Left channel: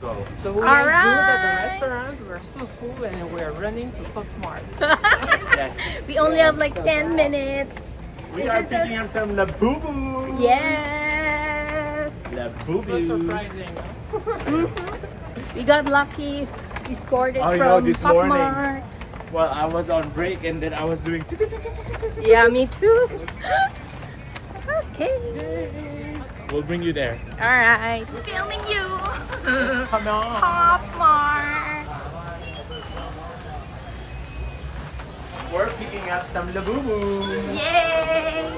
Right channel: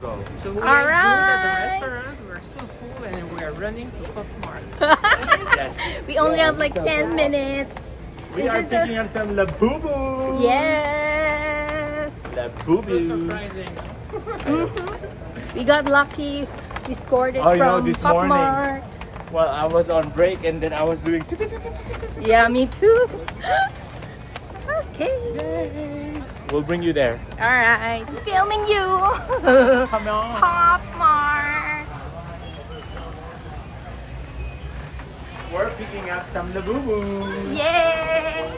So we All ate good at the right. restaurant. We're so full and we're running to Popmart. Yes. We only have like 10 minutes. We are picking up some Labubu. Yes. Labubu. So surprising. We got lucky. We scored it Oh, you know, from this morning. Popmart. Well, I was on break and then I was doing. Yeah, me too. Okay. We'll bring you there. All right. Filming you. Come on. Popmart. We're picking up some Labubu. Yay.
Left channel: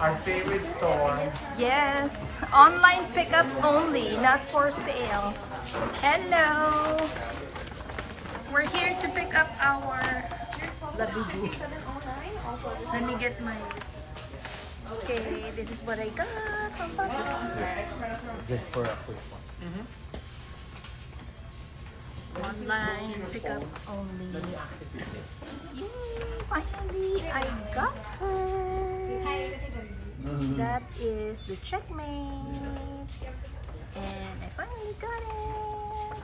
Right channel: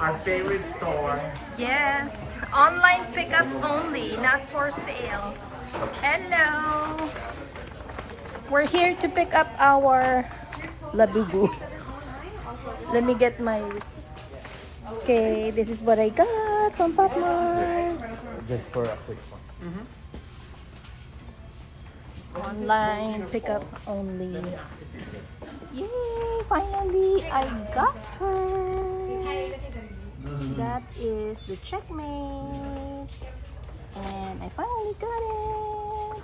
Our favorite store. Yes. Online pickup only, not for sale. Hello. We're here to pick up our Labubu. Let me get my... Okay, this is what I got from Popmart. Just for a quick one. Online pickup only. Yay, finally I got her. That is the checkmate. And I finally got it.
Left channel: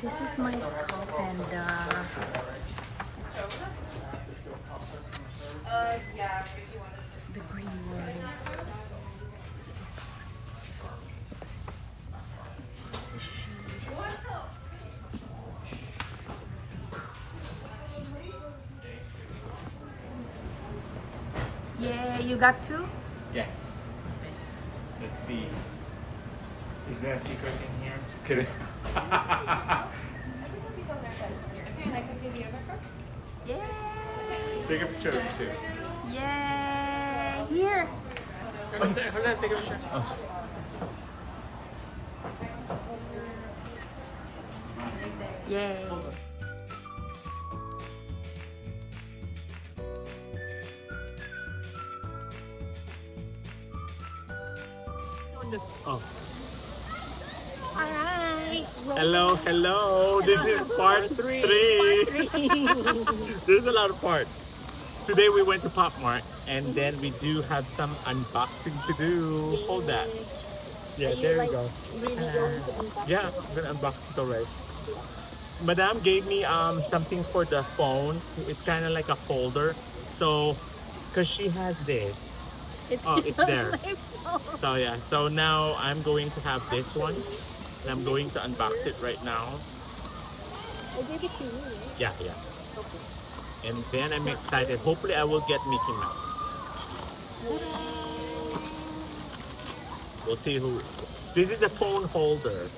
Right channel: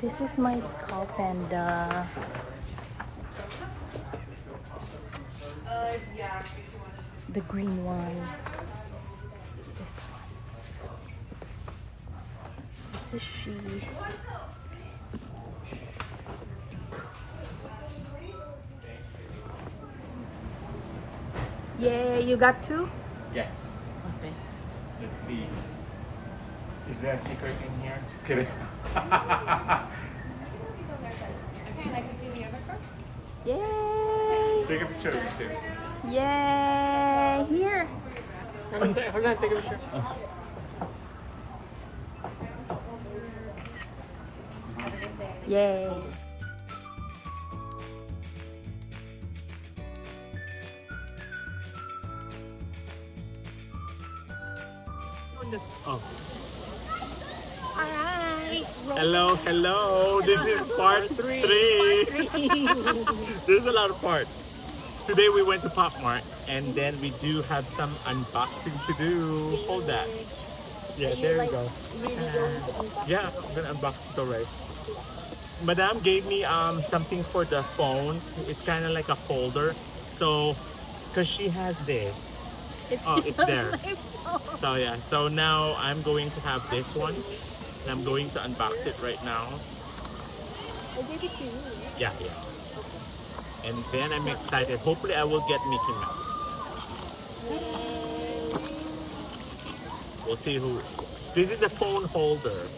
This is my skull panda. The green one. This one. This is she. Yeah, you got two? Yes. Okay. Let's see. Is there a secret in here? Just kidding. Yay! Take a picture of it too. Yay! Here. Hold on, take a picture. Yay! Oh. Alright. Hello. This is part three. There's a lot of parts. Today we went to Popmart and then we do have some unboxing to do. Hold that. Yeah, there you go. Really going to unbox? Yeah, I'm gonna unbox it already. Madame gave me something for the phone. It's kind of like a folder. So, cause she has this. It's there. my phone. So yeah, so now I'm going to have this one. And I'm going to unbox it right now. I gave it to you, right? Yeah. Okay. And then I'm excited. Hopefully I will get Mickey Mouse. We'll see who. This is a phone holder.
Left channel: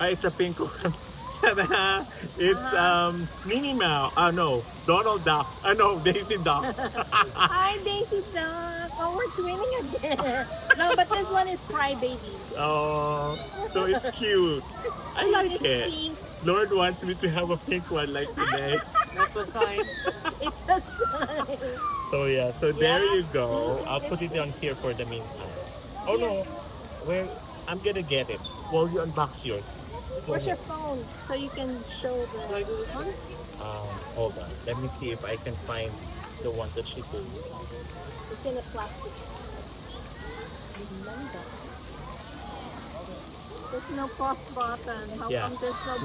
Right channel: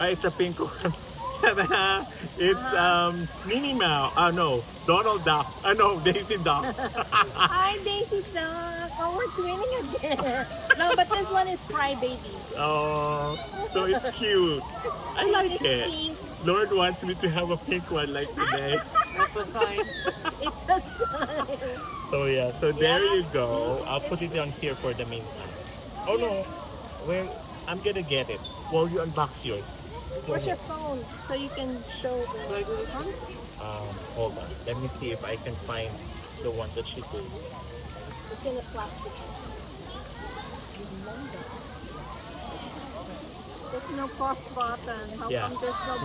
It's a pink one. Ta-da! It's Minnie Mouse. No, Donald Duck. No, Daisy Duck. Hi, Daisy Duck. Oh, we're twinning again. No, but this one is Crybaby. Oh, so it's cute. I like It's it. pink. Lord wants me to have a pink one like today. That's a sign. It's a sign. So yeah, so there Yeah. you go. I'll put it on here for the meantime. Oh no, I'm gonna get it. Well, you unbox yours. Where's your phone? So you can show the one? Hold on. Let me see if I can find the one that she did. It's in a plastic. Remember. There's no pause button. How Yeah. come there's no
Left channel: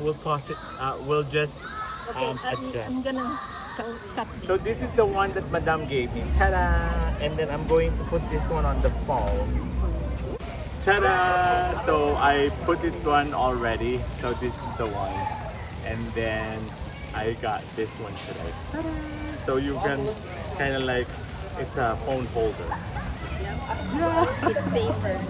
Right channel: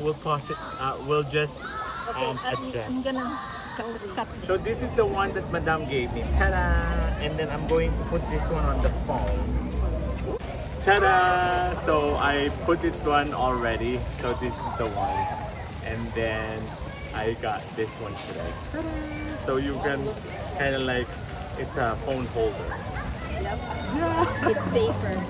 We'll pause it. We'll just Okay, I'm adjust. gonna cut this. So this is the one that Madame gave me. Ta-da! And then I'm going to put this one on the phone. Ta-da! So I put it one already. So this is the one. And then I got this one today. Ta-da! So you can kind of like, it's a phone holder. Yep. Yeah! It's safer.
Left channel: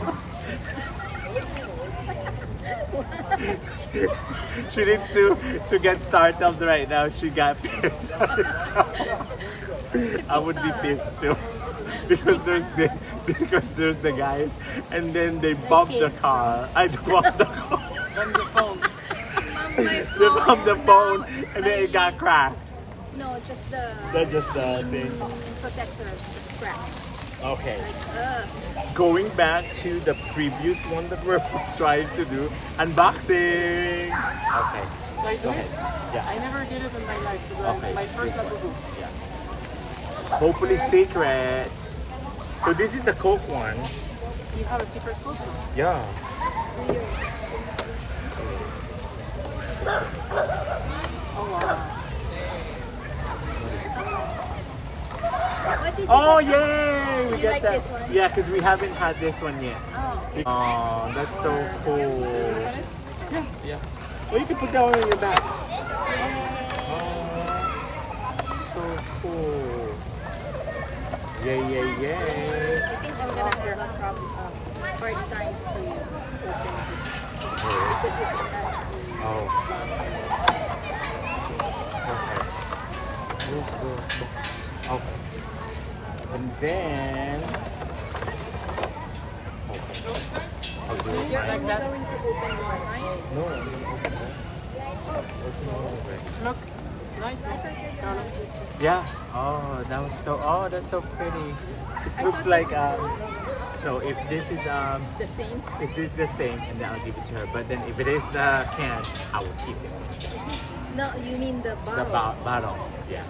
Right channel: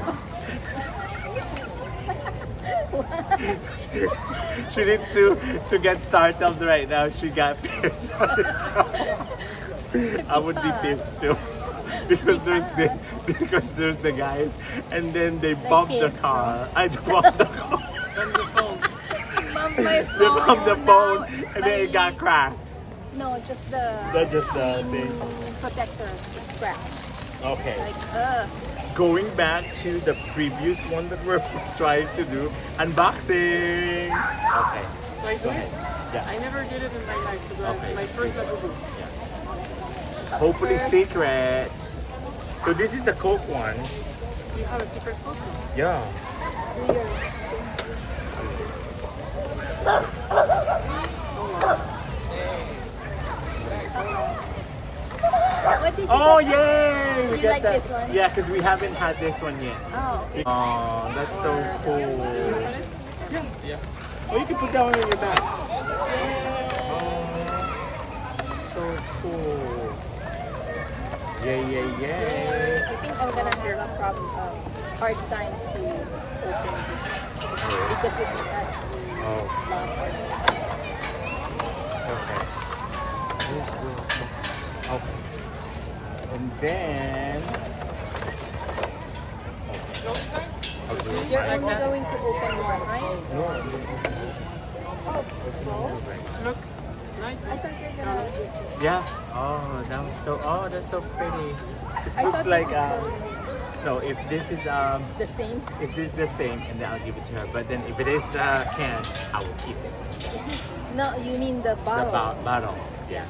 She needs to get started right now. She got pissed. I would be pissed too. Because there's the guys and then they bumped the kids, car. I bumped the car. From the phone. They bumped the phone and then it got cracked. No, just the That's just the screen thing. protector, the strap. Okay. Like, Going back to the previous one that we're trying to do, unboxing. Okay. Go ahead. Yeah. I never did it in my life, so Okay. my first this one. Labubu. Yeah. Hopefully secret. So this is the Coke one. You have a secret Coke? Yeah. Oh wow. What did you Oh get? yay! We You get like that. this one? Yeah, because we haven't had this one yet. Oh, okay. Oh, that's so You cool. open it? Yeah, yeah. Oh, you can put that one in your bag. Yay. Oh, so cool. Yay, yay, yay. I think I'm gonna have a problem, hard time to open this because it has the Oh, lock on it. okay. Where's the box? Okay. And then... Okay. I'll do it You're mine. only going to open one, right? No, I'm gonna open all. Open all already. Look, nice. I Look. thought you were Carlo. gonna do it. Yeah. Oh, that was so. Oh, that's so pretty. It I looks thought like this No, if this is The same? if this is the same, and then I'll give it to her. But then if it is the can, I will keep it myself. No, you mean the The bottle. bottle. Yeah.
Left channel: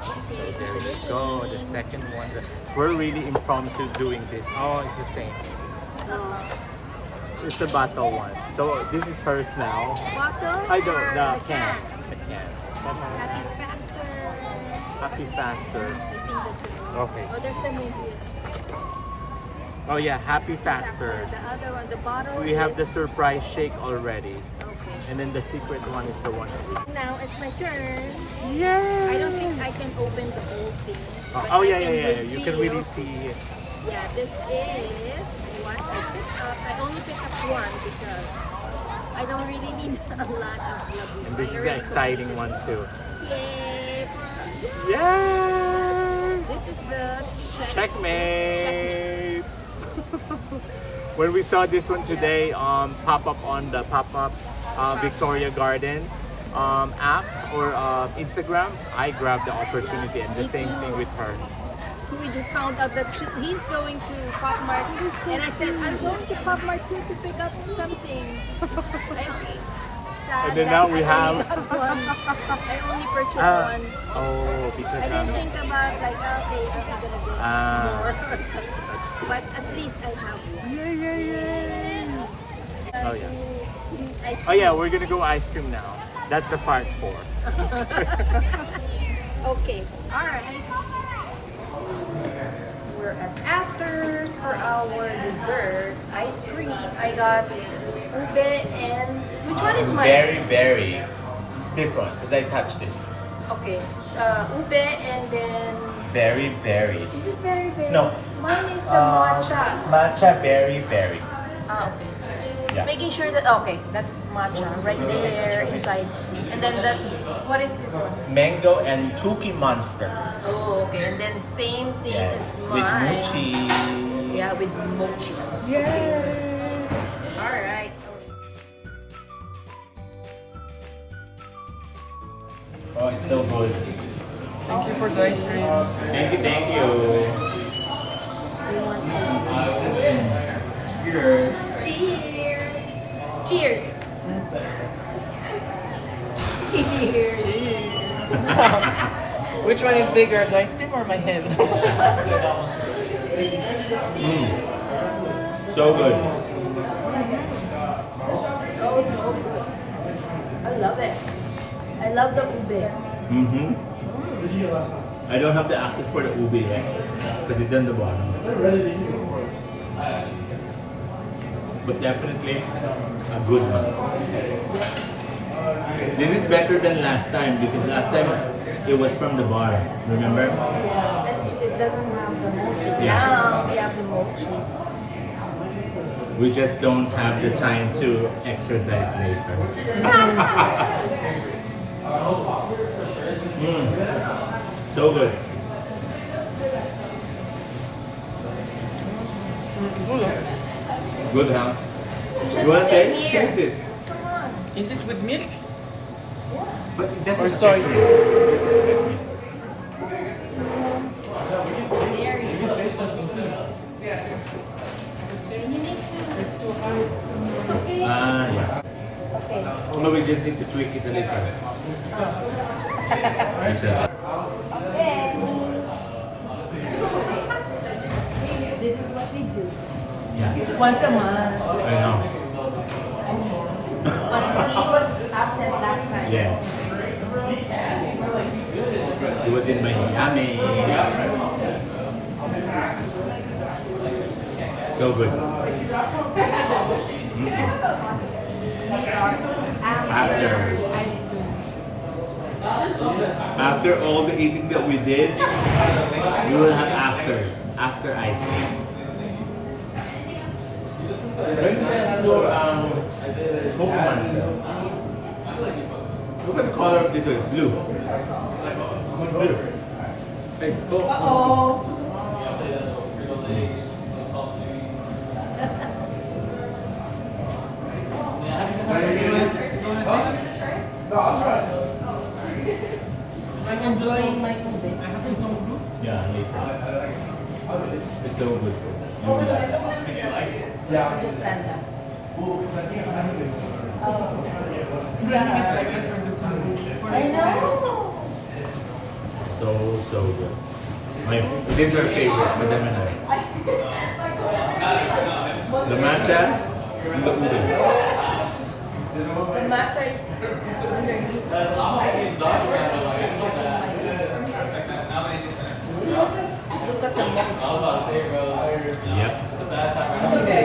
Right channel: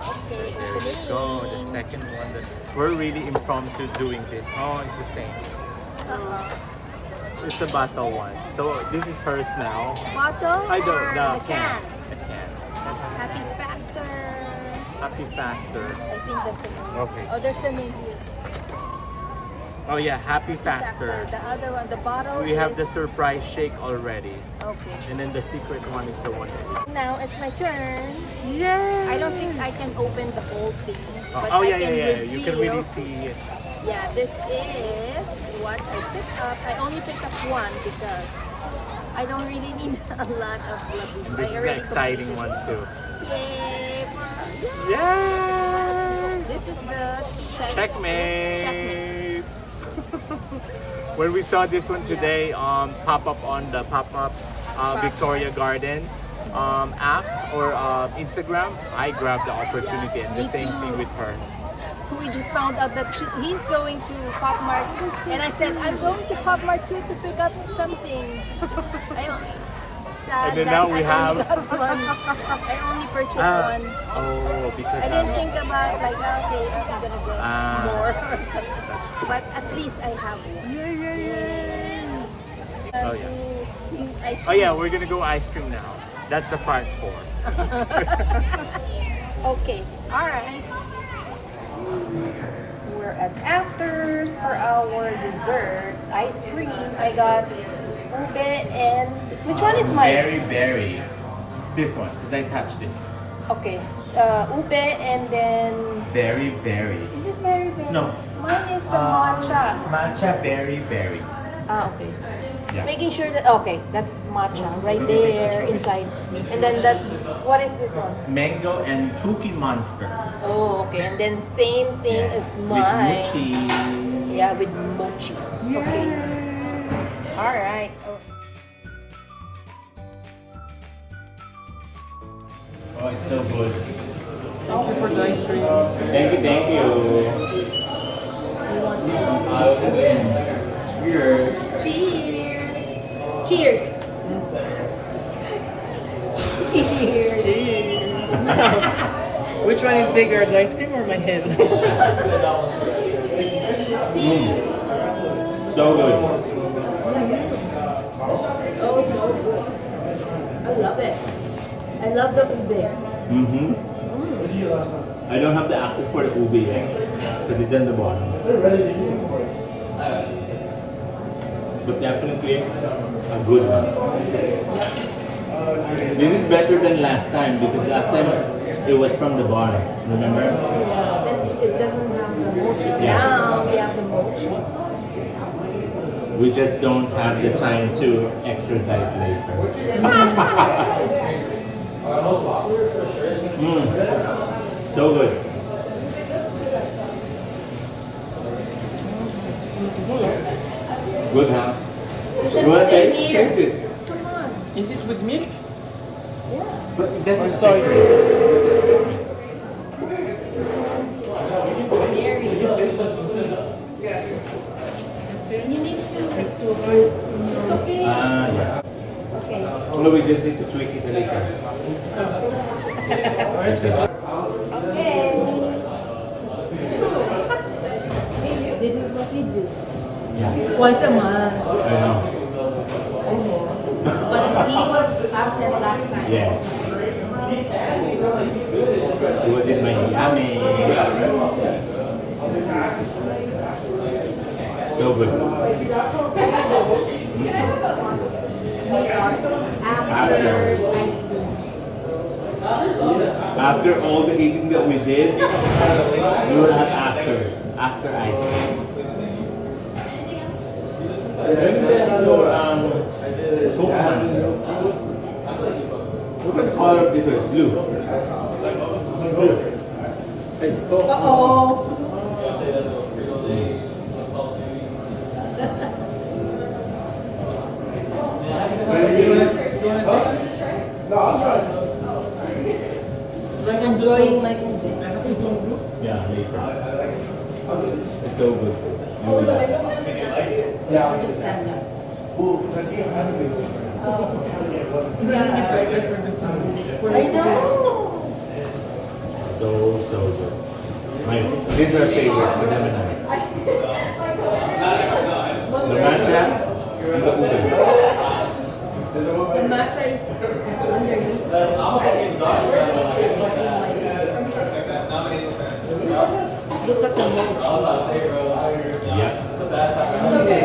So Okay, there we opening. go. The second one. We're really impromptu doing this. Oh, it's the same. It's the bottle one. So this is hers now. Bottle? I don't. or The the can. The can. Happy Factor. Happy Factor. I think that's the name. Okay. Oh, that's the name here. Oh yeah, Happy Factor. The other one, the bottle. We have the is- surprise shake already. Okay. And then the secret one is the one that we... Now it's my turn. Yay! I don't think I can open the whole thing. but Oh I yeah, can yeah, yeah. You can really reveal- see it. Yeah, this is what I picked up. I only picked up one because I don't really need a lot of Labubu. And this is I the already exciting one completed too. it. Yay! Yay! This is the Checkmate! When we saw this one today, pop up on the pop-up Victoria Gardens app or Instagram, I grabbed the opportunity, and the Me same too. thing with her. We just found out that he's going to Popmart, and I said I'm going to Popmart too to pick up something. And then now we have- I only purchased one. Oh, because I didn't think about like okay, I'm gonna get more or something. that's true. But at least I have one. Yay, yay, yay! Oh yeah. I Oh yeah, we're gonna go ice cream now. That's the part 4. Okay. All right. We're at Afters for our dessert ice cream. I got ube and which one is mine? Berry. This one, because I touched this. Okay. Ube and then Berry. is it very berry? No. Mine is the matcha. Matcha berry. Ah, okay. Yeah. Making sure that okay, that's matcha right there inside. And then that's what is this one? Mango and Cookie Monster. Oh, okay. And then same thing as With mine. mochi. Yeah, with mochi. Okay. All right. Oh, it's so good. Thank you for the ice cream. Thank you. Cheers. Cheers. Cheers. Cheers. Cheers. Which one is bigger, the ice cream or my head? So good. Oh, so good. I love it. I love the ube. I don't have the access for the ube yet because it's on the bottom. But definitely a good one. This is better than last time because last time it was from the bottom. Remember? It doesn't have the mochi. Yeah. Now we have the mochi. We just don't have the time to exercise later. So good. Good, huh? You want to taste? Taste this. Come on. Is it with milk? Yeah. But that was Soy. It's okay. Yeah. Okay. No, we just need to tweak it a little. Okay. This is what we do. Yeah, Once a month. I know. But he was absent last time. Yes. It was in Miami. So good. After all the eating that we did, we will have after ice cream. Popmart. Look at the color of this one, it's blue. Blue. Hey, Uh-oh. I'm enjoying my food. Yeah, later. It's so good. You will like that. I'll just stand up. I know. So good. This is our favorite, Madam and I. The matcha and the udon. The matcha is underneath. Look at the milk. Yep.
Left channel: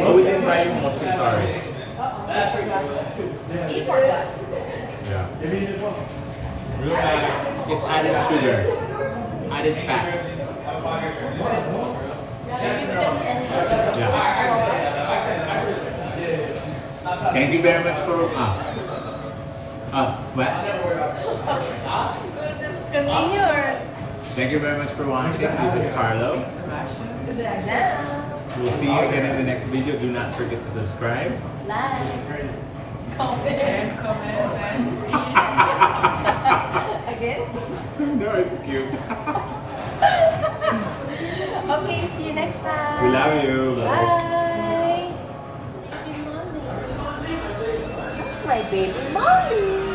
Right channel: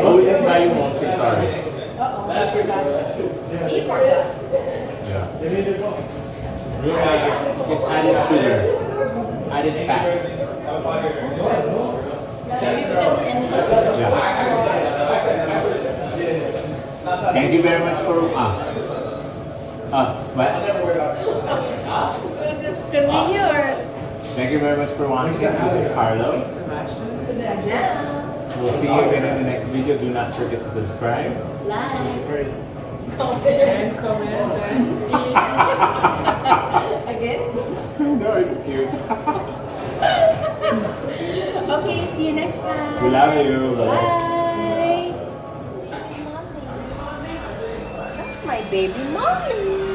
Oh, we didn't buy monster, sorry. Eat for that. Yeah. Real like it. It's added sugar. Added fat. Yeah. Thank you very much for what? Just continue or? Thank you very much for watching. This is Carlo. We'll see you again in the next video. Do not forget to subscribe. Like. And comment and Again? No, it's cute. Okay, see you next time. We love you. Bye. Bye. That's my baby mommy.